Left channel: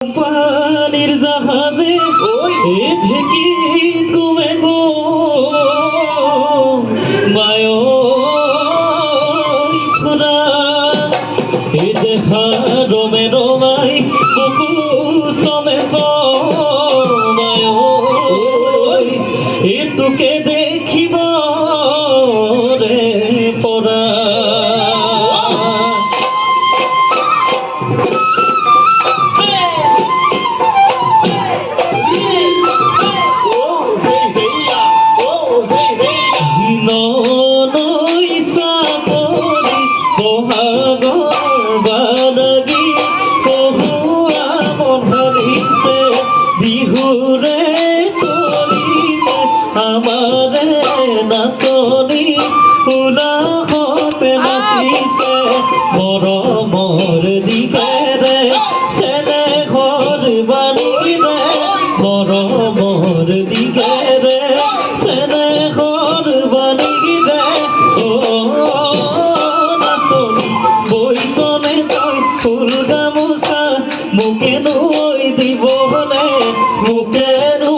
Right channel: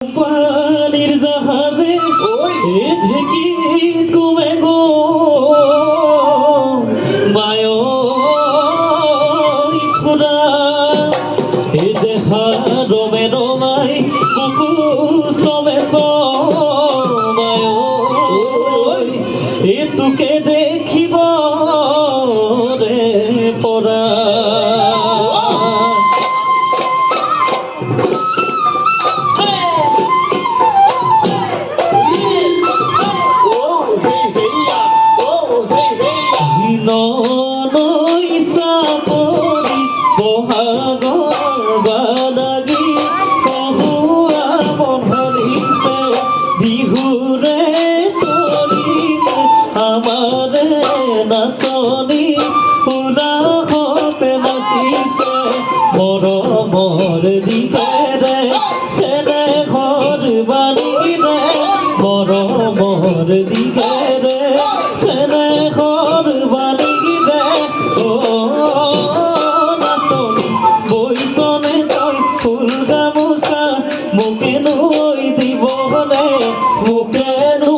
পানির জাহাজে থেকে তুমি গো। মায়ো খোদা এ দেখা রোমে রোমাই কুকুর সবে সমায়ো মৰমৰ দিপেৰে চেনে ঘৰ বানীৰে মৰমৰ দিপেৰে চেনে ঘৰ বানীৰে অ নাচনি বৈচনে তই ফুল গামোচা মোকে নৈ দিবলে মোকে নৈ দিবলে